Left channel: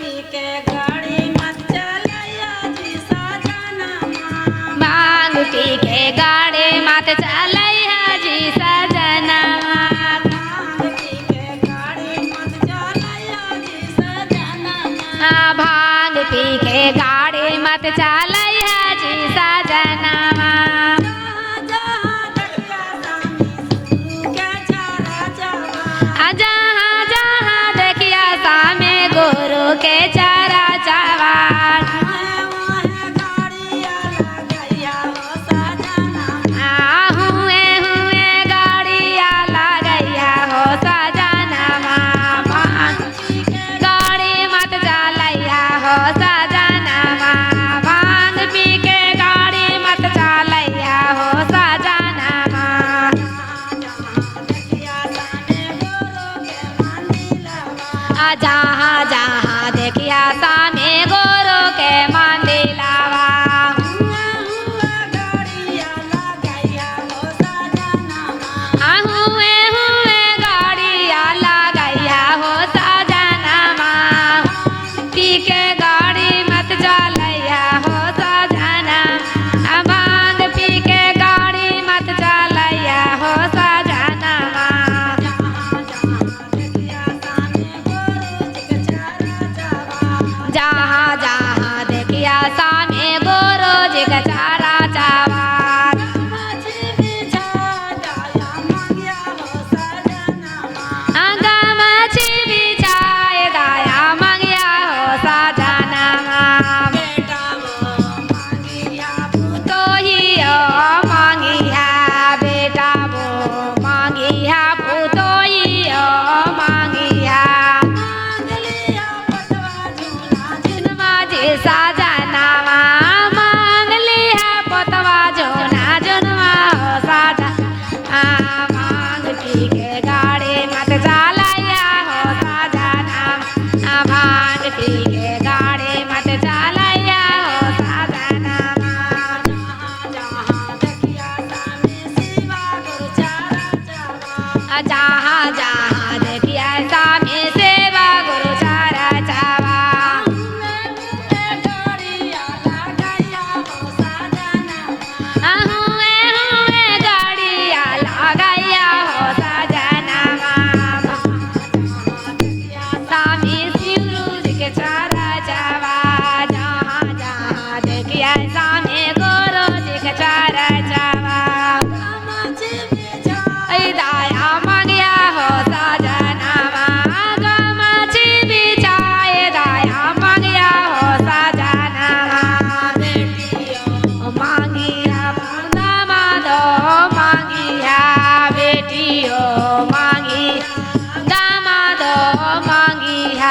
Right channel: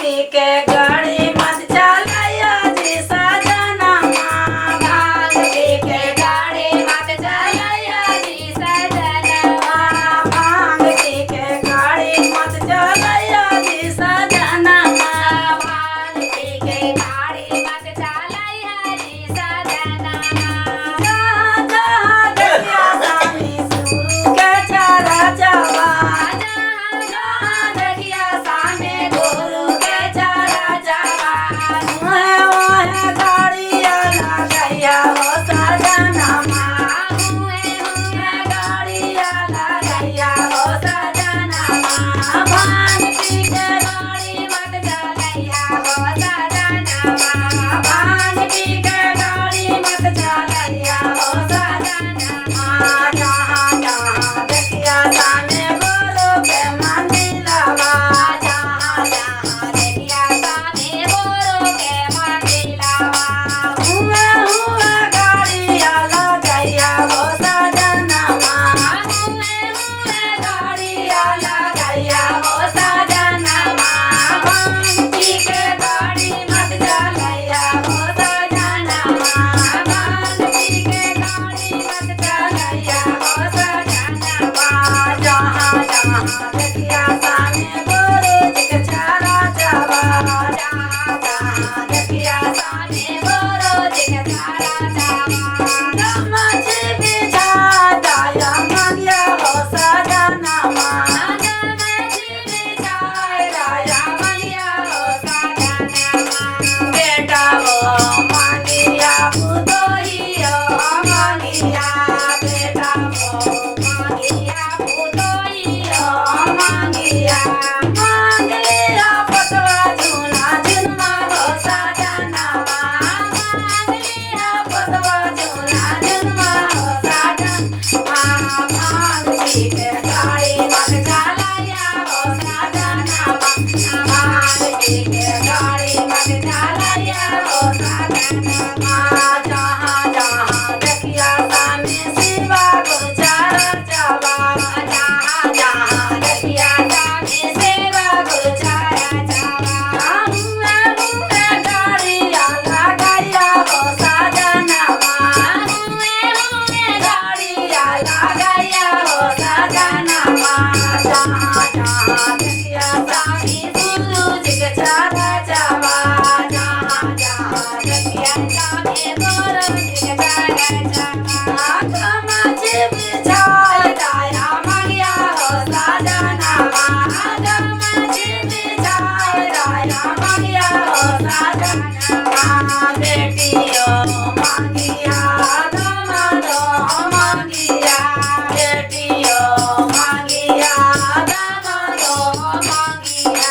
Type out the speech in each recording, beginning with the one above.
P के गाड़ी मत चलाया जी सजना भांग पी के गाड़ी मत चलैया जी सजना भांग पी के गाड़ी मत चलाया जी सजना भांग पी के गाड़ी मत चलैया जी सजना जहाँ जहाँ देखिया स्वामी सुरू के चारा चवा जहाँ जहाँ देखिया सामे गुरु के चारा चवान ओहे गाड़िया लगैया हो सजना हुए हुए गाड़िया लगैया हो सजना भांग पी के गाड़ी मत चलैया हो सजना भांग पी के गाड़ी मत चलैया हो सजना जहाँ जहाँ देखिया सामे गुरु के मंदिरवा जहाँ जहाँ देखिया सामे गुरु के मंदिरवा हुआ हुआ गाड़िया लगैया हो सजना हुए हुए गाड़िया लगैया हो सजना पी के गाड़ी मत चलैया हो सजना भांग पी के गाड़ी मत चलैया हो सजना जहाँ जहाँ देखिया सामे गुरु जी के चारा चवा जहाँ जहाँ देखिया सामे गुरु जी के चारा चवा गमछी बिछा डाया मंगिया हो सजना गमछी बिछाए दाया मंगिया हो सजना बेटा वो मंगिया पुतोहियो मंगिया बेटा मो मंगिया पुतोहियो मंगिया मंगिया पटवा झूला झुनमा माथे सजना मांग लिया पतवा जोना जुनमा हो सजना भांग पी के गाड़ी मत चलैया हो सजना भांग पी के गाड़ी मत चलैया हो सजना जहाँ जहाँ देखिया सामे शिवा गुरु चारा चवा जहाँ जहाँ देखिया सामे सेवा गुरु चारा चावा हुए हुए गाड़िया लगैया हो सजना हुए हुए गाड़िया लगैया हो सजना जहाँ जहाँ देखिया सामी शिवरू जी के चारा चावा जहाँ जहाँ देखिया सामी गुरु जी के चारा चावा गमछी बिछा दाया मंगिया हो सजना गमछी बिछाए दाया मंगिया हो सजना बेटियो मंगिया गमदो मंगिया बेटियो मंगिया गमदो मंगिया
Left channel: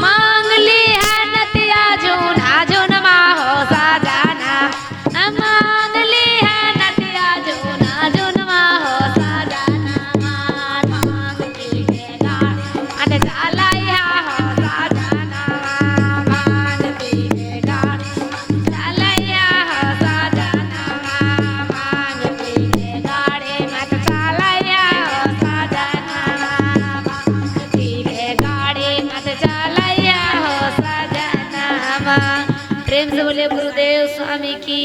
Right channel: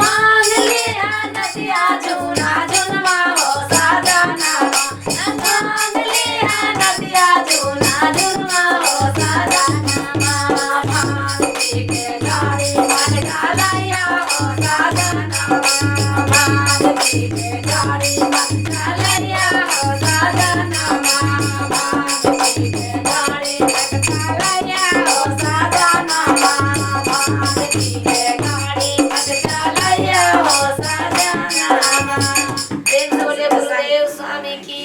मांग लिया नतिया जुना जुनमा हो सजना मांग लिया नतिया जुना जुनमा हो सजना भांग पी के गाड़ी मत चलैया हो सजना भांग पी के गाड़ी मत चलैया हो सजना भांग पी के गाड़ी मत चलैया हो सजना भांग पी के गाड़ी मत चलैया हो सजना प्रेम से बोले गुरुदेव स्वामी की